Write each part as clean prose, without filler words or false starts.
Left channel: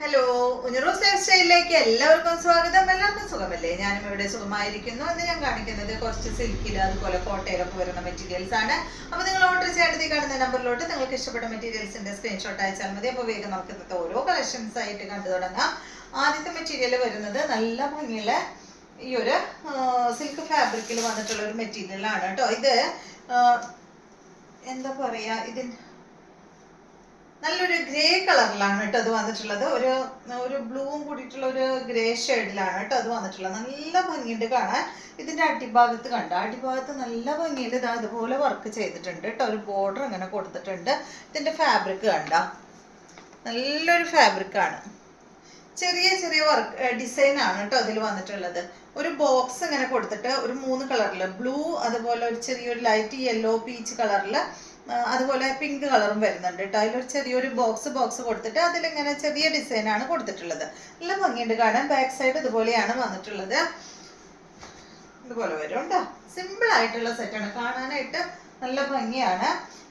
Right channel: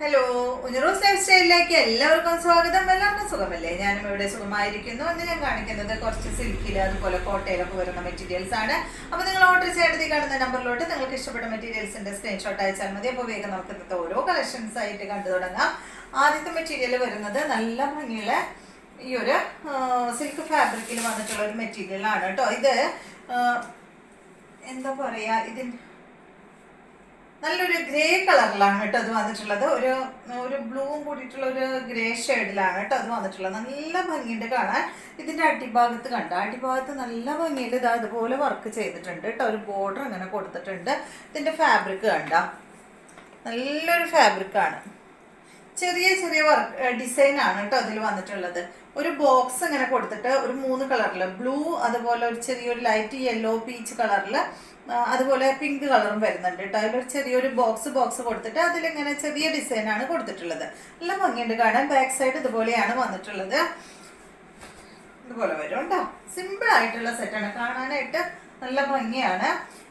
Hello, ഉഞ്ഞറോസ് life സ്റ്റൈലിലേക്ക് എല്ലാവർക്കും സ്വാഗതം. എല്ലാവർക്കും സുഖമല്ലേ? ഞാനും ഇവിടെ സുഖമായിരിക്കുന്നു. എന്ന് ഞാൻ കാണിക്കുന്നത് കുറച്ച് സിൽക്കിൽ അതുപോലെ കോട്ടയിലൊക്കെ വരുന്ന മെറ്റീരിയൽസ് ആണ്. അപ്പോൾ നിങ്ങൾ ഓർഡർ ചെയ്തെടുത്ത് കാണുന്ന നമ്പറിലോട്ട് നിങ്ങൾക്ക് ഇഷ്ടപ്പെട്ട മെറ്റീരിയൽസിന്റെ സ്ക്രീൻഷോട്ട് അയച്ചാൽ മതി. അപ്പോൾ വേഗം നമുക്ക് ഇന്നത്തെ ഓരോ കളക്ഷൻസ് ആയിട്ട് കണ്ടു തുടങ്ങാം. ആദ്യത്തെ മെറ്റീരിയൽ വരുന്നത് നല്ല ഭംഗിയുള്ള ഈ ഒരു സിൽക്ക് ഫാബ്രിക്കിൽ വന്നിട്ടുള്ള ഒരു മെറ്റീരിയൽ ആണ് കേട്ടോ. ഇത് എന്താ പറയാ, ഇതിന് നല്ലൊരു ഗ്രേ കളറിലാണ് കേട്ടോ അത് വന്നിട്ടുള്ളത്. ഒരു ഒരു ബ്ലൂവും കൂടിയിട്ടുള്ള ഒരു ഗ്രേ ഷെയ്ഡിലാണ് കേട്ടോ അത് വന്നിട്ടുള്ളത്. നല്ല ഭംഗിയുണ്ട് കാണാൻ. ഇതിന്റെ അടിഭാഗത്ത് കണ്ട, അടിഭാഗത്ത് നല്ല ഭംഗിയുണ്ട്. ഇത് അതുപോലെ വർക്ക് ചെയ്തിട്ടുണ്ട് കേട്ടോ. ഒരു ബോർഡർ ഇങ്ങനെ കൊടുത്തിട്ടുണ്ട്. ഇതിന്റെ ഫാബ്രിക് കണ്ട, നല്ലൊരു ഫാബ്രിക്കാണ്. ചെറിയ ചെറിയ വർക്ക് ഡിസൈൻ ആണ് കേട്ടോ അതിൽ വന്നിട്ടുള്ളത്. ഒരു ബോക്സ് ഇങ്ങനെ കൊടുത്തിട്ട് ഒരു 3 കളറിൽ ബ്ലൂ, അതുപോലെ ഒരു ചെറിയൊരു ലൈറ്റ് യെല്ലോ പീച്ച് കളറിൽ, അതുപോലെ പിങ്ക് കളറും വരുന്നുണ്ട് കേട്ടോ. അതിലൊരു ചെറിയൊരു ബോക്സ് കൊടുത്തിട്ട് അതിലിങ്ങനെ ചെറിയ ഡിസൈനാണ് കൊടുത്തിട്ടുള്ളത്. നല്ല ഭംഗിയുണ്ട് കാണാൻ. ബാക്ക് സൈഡ് ഇതുപോലെയാണ് വന്നിട്ടുള്ളത്. ഇതുപോലെ വരും കേട്ടോ. സിമ്പിൾ ആയിട്ടുള്ള സെറ്റാണ്, കാണാനായിട്ട് നല്ല ഭംഗിയാണ്.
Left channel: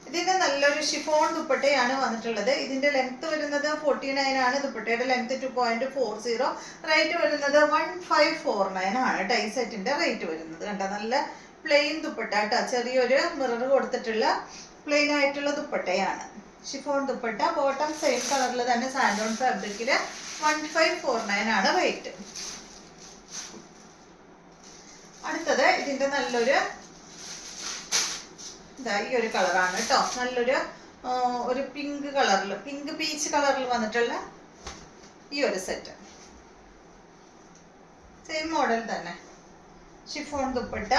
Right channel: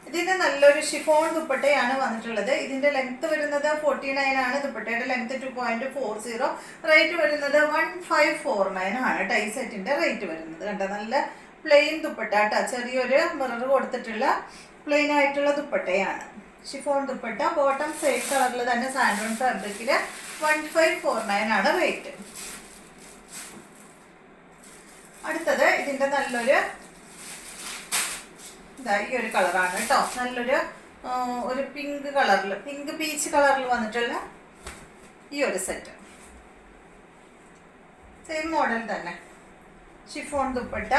ഇതിന് നല്ലൊരു ഷിഫോൺ ദുപ്പട്ടയാണ് വന്നിട്ടുള്ളത്. ഇതിന്റെ ലെങ്ത് വരുന്നത് 49 ആണ്. ദുപ്പട്ടയുടെ ലെങ്ത് 2.40. റേറ്റ് വരുന്നത് 1549 ആണ് കേട്ടോ ഈ സെറ്റിന്റെ റേറ്റ് വരുന്നത്. കണ്ടോ, നല്ല പ്ലെയിൻ ദുപ്പട്ട കേട്ടോ. ചെറിയൊരു മിറർ കൊടുത്തിട്ടുള്ള പ്ലെയിൻ ആയിട്ടുള്ള ദുപ്പട്ടയാണ്. ഷിഫോൺ ദുപ്പട്ട. ബോട്ടം സെയിം കളറിൽ തന്നെ സാൻഡോൺ ഫാബ്രിക്കിൽ 1549 ആണ് റേറ്റ്. അടുത്തത് ഇതിന്റെ നല്ലൊരു ഈ ഒരു കളറാണ് കേട്ടോ. നല്ലൊരു ഒരു പിങ്ക് കളറിൽ, പിങ്ക് പീച്ച് കളറിൽ വന്നിട്ടുള്ള ഈ ഒരു സെറ്റ്. സെയിം മോഡൽ തന്നെ. ഷിഫോൺ ദുപ്പട്ട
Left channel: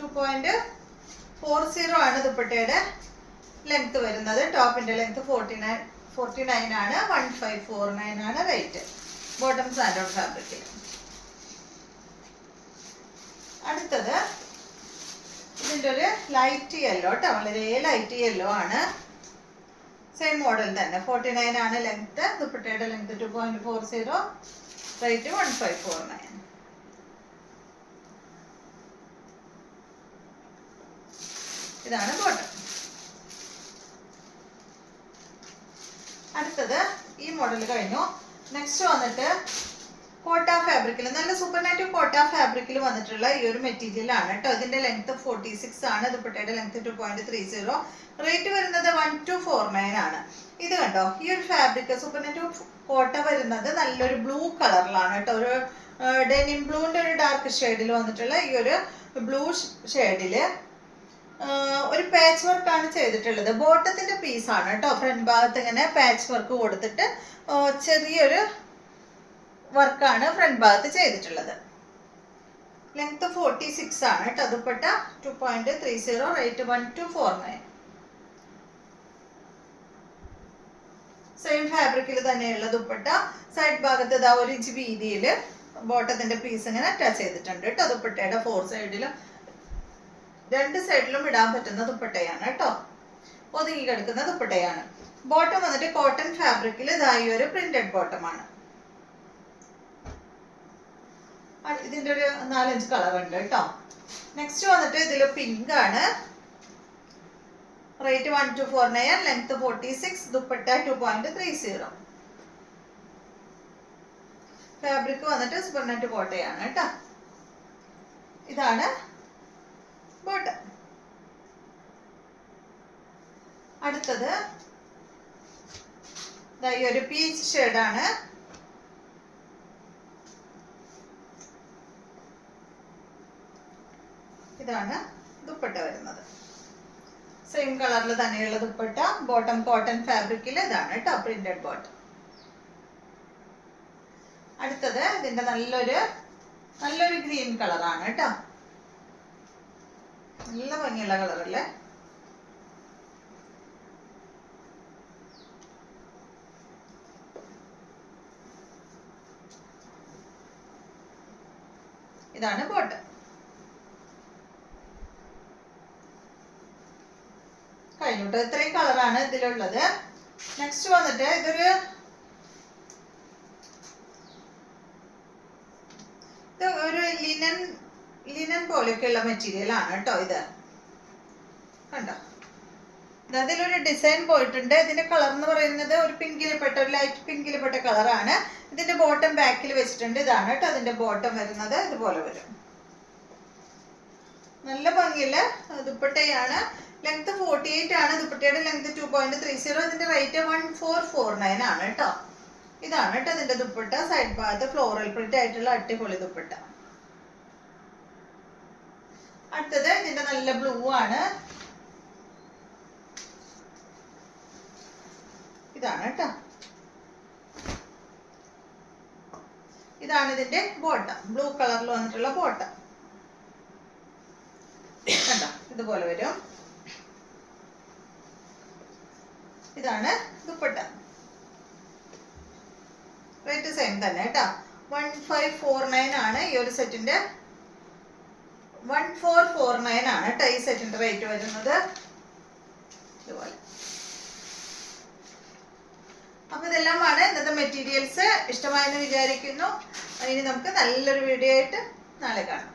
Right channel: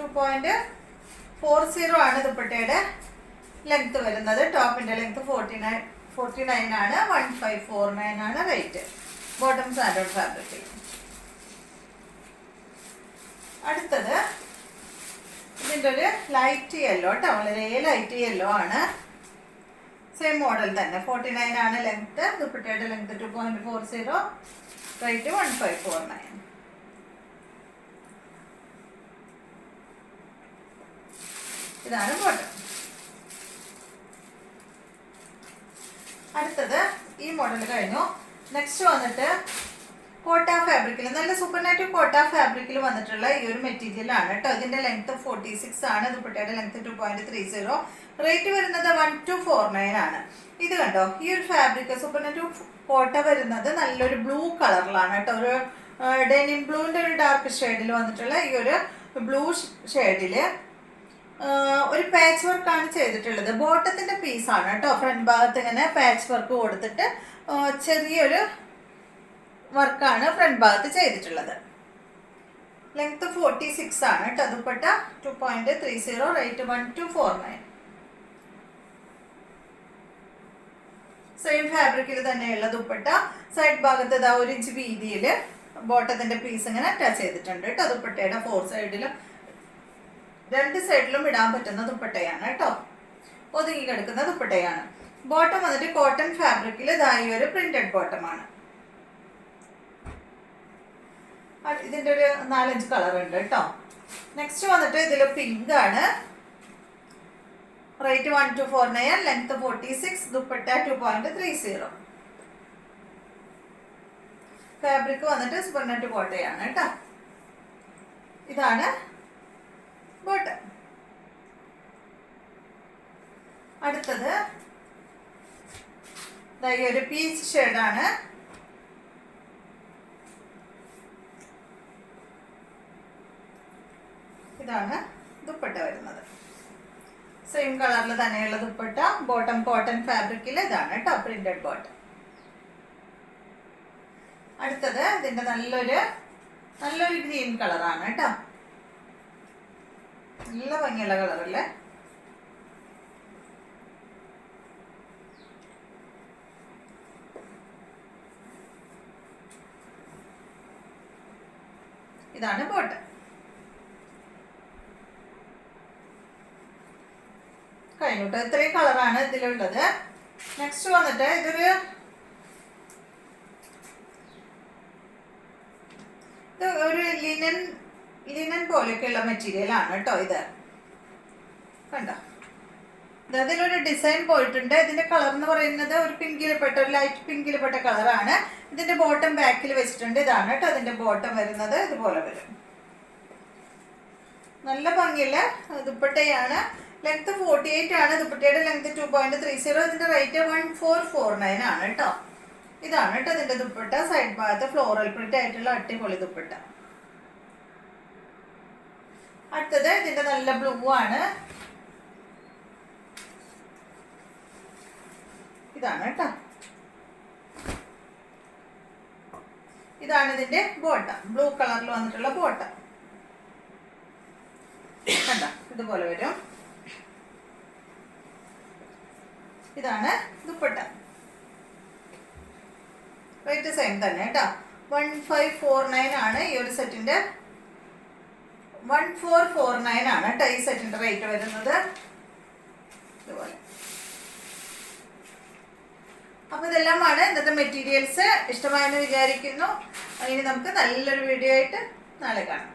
2.40 ആണ് ദുപ്പട്ടയുടെ ലെങ്ത് വരുന്നത്. ടോപ്പിന്റെ ലെങ്ത് 49 ആണ്. 1549 ആണ് റേറ്റ്. Bottom സാൻഡോൺ fabric. അടുത്തത് ഇതിൻ്റെ ഒരു ലൈറ്റ് യെല്ലോ കേട്ടോ. വളരെ ലൈറ്റ് യെല്ലോ ആണ്. സെയിം മോഡൽ തന്നെ. 49 ആണ് ലെങ്ത്. ദുപ്പട്ടയുടെ ലെങ്ത് 2.40. റേറ്റ് 1549. ഇതാണ് ബോട്ടം. അടുത്തത് ഈ മോഡൽ കഴിഞ്ഞു. നെക്സ്റ്റ് വന്നിട്ട് കോട്ട ഫാബ്രിക്കിൽ, നല്ല സൂപ്പർ നാറ്റീവ് കോട്ട ഫാബ്രിക്കിൽ വന്നിട്ടുള്ള ഈ ഒരു മെറ്റീരിയൽ ആണ് കേട്ടോ. ഇതിന്റെ ലെങ്ത് 46 ആണ്. ദുപ്പട്ടയുടെ ലെങ്ത് 2.30. റേറ്റ് വരുന്നത് 1249 ആണ്. ഇത് കണ്ടോ, ഈ ഒരു ഫാബ്രിക് സൂപ്പർ നാറ്റീവ് കോട്ട വരുന്നത് നല്ലൊരു ബ്ലൂ കളറിലാണ് കേട്ടോ. ഒരു ഡെനിം ബ്ലൂവിന്റെ ഒരു ഡാർക്ക് ഷെയ്ഡിൽ വന്നിട്ടുള്ള ഈ ഒരു ബ്ലൂ ഷെയ്ഡില് ഒരു പാച്ച് വർക്കാണ് ചെയ്തിട്ടുള്ളത്. ബോട്ടത്തിന്റെ പീസാണ് കേട്ടോ. ഫ്രണ്ട് ഭാഗത്ത് ഇങ്ങനെ പാച്ച് വർക്ക് കൊടുത്തിട്ട് ചെറിയൊരു വർക്കാണ് ഫ്രണ്ട് ഭാഗത്ത് ചെയ്തിട്ടുള്ളത്. ലെങ്ത് 46 ആണ് കേട്ടോ. ദുപ്പട്ട 2.30. റേറ്റ് 1249. സെയിം ഫാബ്രിക്കിൽ തന്നെയുള്ള ദുപ്പട്ട. സൈഡ് ഭാഗത്ത് ഇതാ 1 ഇഞ്ച് വീതിയിൽ ബോട്ടത്തിന്റെ പീസ് ഇങ്ങനെ അറ്റാച്ച് ചെയ്തിട്ടുണ്ട് കേട്ടോ. ദുപ്പട്ടയുടെ 4 സൈഡിലും 2 സൈഡിലും ഇടാൻ പറ്റുന്ന ദുപ്പട്ടയാണ് കേട്ടോ. ഒതുങ്ങി കിടക്കുന്ന ദുപ്പട്ടയാണ്. ബോട്ടം വന്നിട്ട് കോട്ടൺ ഫാബ്രിക്കിൽ ഇതായി ഒരു പ്രിന്റഡ് ബോട്ടമാണ്. ഇതിന്റെ ഒരു 4-5 കളർ ഉണ്ട് കേട്ടോ. നെക്സ്റ്റ് വന്നിട്ട് ഇതിൽ പിങ്ക് ആണ്. റേറ്റ് 1249. ലെങ്ത് 46. ദുപ്പട്ട 2.30. ഫാബ്രിക് വന്നിട്ട് സൂപ്പർ നെറ്റ് കോട്ടയാണ് കേട്ടോ. ഇതാണ് ബോട്ടം. അടുത്തത് ഈ ഒരു പീച്ച് ഷെയ്ഡാണ്. ഇതാണ് ദുപ്പട്ട വരുന്നത്. സെയിം കളറിൽ തന്നെയുള്ള ദുപ്പട്ട. ബോട്ടം കോട്ടൺ ഫാബ്രിക്കിൽ ഇതാണ് കേട്ടോ പ്രിന്റഡ് ബോട്ടം. അടുത്തത് ഇതിന്റെ നല്ലൊരു ഗ്രീൻ കളറാണ് കേട്ടോ. നല്ല ഭംഗിയുള്ള കളറല്ലേ. ഇതാണ് ബോട്ടം. കഴിഞ്ഞിട്ട് ഇത്രയും കളറാണ് ഇതിലുള്ളത്. നെക്സ്റ്റ് വന്നിട്ട് ഇത് ഒരു ലിനൻ പോലെയൊക്കെയുള്ള മെറ്റീരിയൽ ആണ് കേട്ടോ. ഇത് കണ്ടോ, അതിലൊരു ഡിസൈൻ പോയിട്ടുണ്ട്. ഇതിന്റെ കളർ എന്ന് പറയുന്നത് ഒരു പിങ്കിൽപ്പെട്ട, ഒരു ലൈറ്റ് പിങ്കിൽപ്പെട്ട കളറാണ്. ഇതിന്റെ ബോട്ടം ബാക്കിൽ വെച്ചിട്ടുണ്ട്. ഇതാണ് കേട്ടോ അതിന്റെ ബോട്ടം വരുന്നത്. ഇതുപോലെ വരും. നല്ല ഭംഗിയുള്ള ദുപ്പട്ടയാണ്. ലെങ്ത് 48 ആണ്. ദുപ്പട്ടയുടെ ലെങ്ത് 2.30. ഇതിന്റെ റേറ്റ് 1449 ആണ് കേട്ടോ. ഇതാണ് കേട്ടോ ഇതിന്റെ ദുപ്പട്ട. സൈഡ് ഭാഗത്ത് ഫ്ലോറൽ പ്രിന്റ് ആയിട്ടുള്ള അടിപൊളി ദുപ്പട്ട. അടുത്തത് ഇതിന്റെ നല്ല ബ്ലൂ ആണ്. ഇതാണ് കേട്ടോ. ഇതാണ് ഇതിന്റെ ബോട്ടം. ബ്ലൂ കളറിൽ വന്നിട്ടുള്ള ബോട്ടം കണ്ടോ, ഇതുപോലെ വരും. ഇതാണ് ദുപ്പട്ട. റേറ്റ് സെയിം തന്നെ കേട്ടോ. 1549 ആണ് ഈ ഒരു സെറ്റിന്റെ. 1449 ആണ് കേട്ടോ ഈ സെറ്റിന്റെ റേറ്റ് വരുന്നത്. ഇതുപോലെ. അപ്പൊ ഇതെല്ലാമാണ് ഇന്നത്തെ മെറ്റീരിയൽസ്. ഇഷ്ടമായെന്ന് വിചാരിക്കുന്നു. ഇനി നമുക്ക് നല്ലൊരു വീഡിയോ ആയിട്ട് നാളെ കാണാം.